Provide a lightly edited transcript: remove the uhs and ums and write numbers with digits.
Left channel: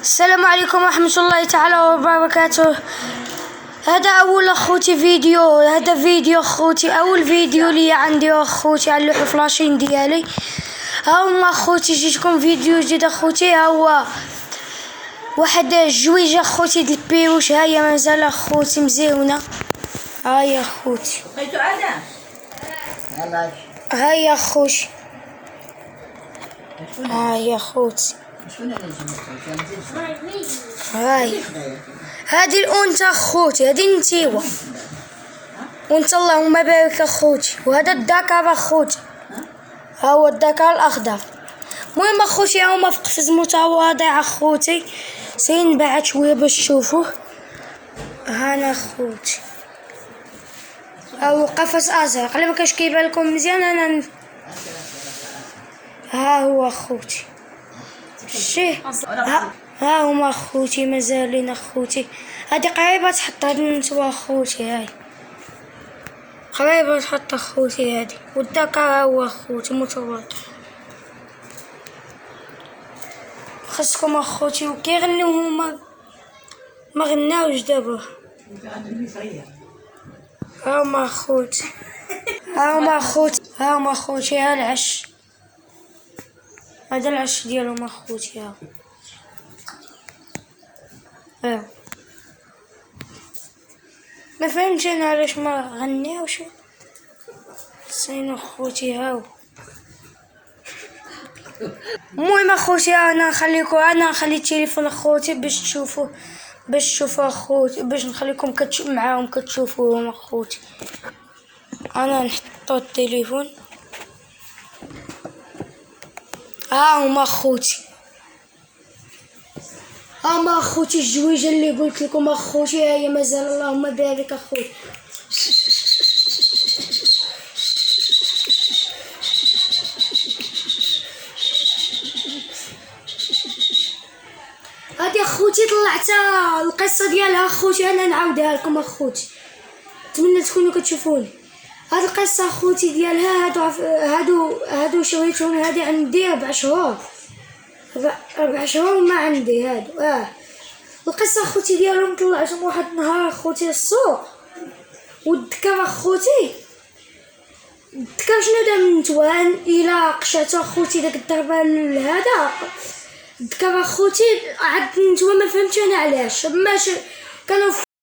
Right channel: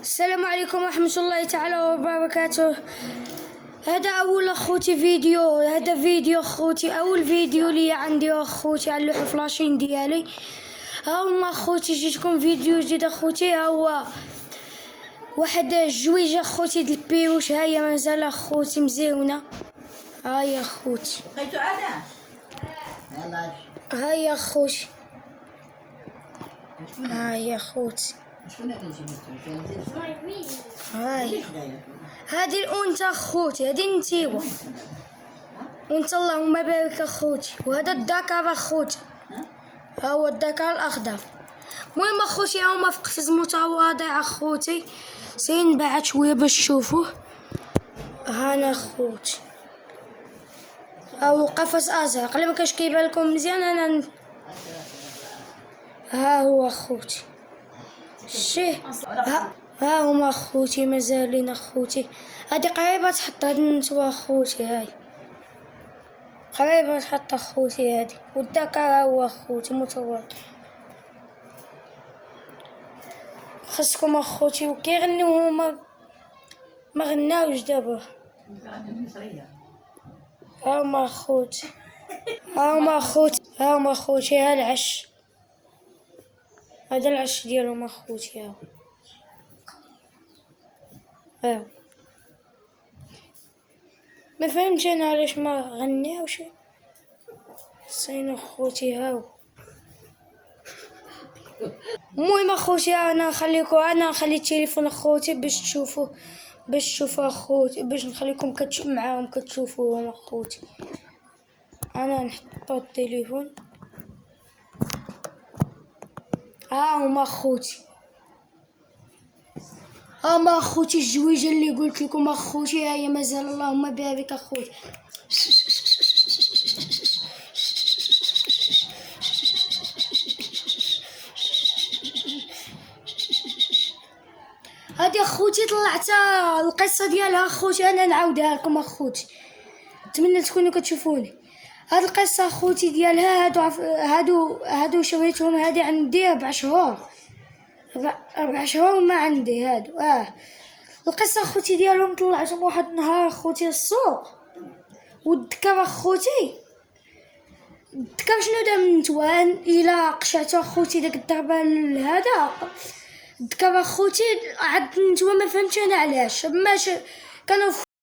السلام عليكم ورحمة الله تعالى وبركاته. هذا أول أخوتي فيديو، هذا فيديو أخوتي، أول فيديو لي عندي أخوتي على اللوحة فلاشين ديالي. هاهما أخوتي جيتكم فيديو جديد أخوتي. هو واحد الجويجة أخوتي ديال البيروش، هاهي مازال أخوتي مزيونة. هاهي أخوتي، هاهي أخوتي، هاهي أخوتي، هاي هادي الأنثى أخوتي، هادي النتيوة وانت اللهم بارك أخوتي. وهذا الذكر أخوتي، ها هو الذكر الأخضر. المهم أخوتي هاهما في قفز متواضع أخوتي، سينبعد شوية باش تشوفوه. هانا أخوتي، هاهو قفص أزرق، على مكانش كيبان لكم مزيان أنا. ها هو أخوتي، شتيه، ها هما أخوتي مازالين أخوتي. هادي قريبة تحط، هاد النتوى أخوتي، هاي قريبة تحط أخوتي هادي. والذكر ها هو أخوتي متواضع. خاصكم أخوتي وكيغنيو هما ما غناوش دابا. هاهما أخوتي، هاهما أخوتي، هاهما أخوتي، ها العش، هذا العش ديالهم أخوتي. هاو ما فهمتش انا علاش ما غناوش سين اخوتي. هاو المهم اخوتي انا نخلي التليفون اخوتي باش تشوفوا اخوتي، باش نخليكم معاهم كتشوفوهم اخوتي. انا نحطو التليفون. ها هما اخوتي، هما اخوتي الجويجه اللي قلت لكم اخوتي، هي مازال اللهم بارك اخوتي. هادي اخوتي طلعتها القصه ديالها اخوتي، انا نعاودها لكم اخوتي، نتمنى تكونوا كتشوفوني. هاد القصه اخوتي ديالها هادو شريتهم، هادي عندي 4 شهور، 4 شهور ما عندي هادو. القصه اخوتي ديالهم طلعتهم واحد النهار اخوتي السوق. والذكر اخوتي، الذكر شنو دار من نتوان الى قشاتو اخوتي داك الضربه هذا. الذكر اخوتي عاد نتوما ما فهمتش انا علاش، باش كانوا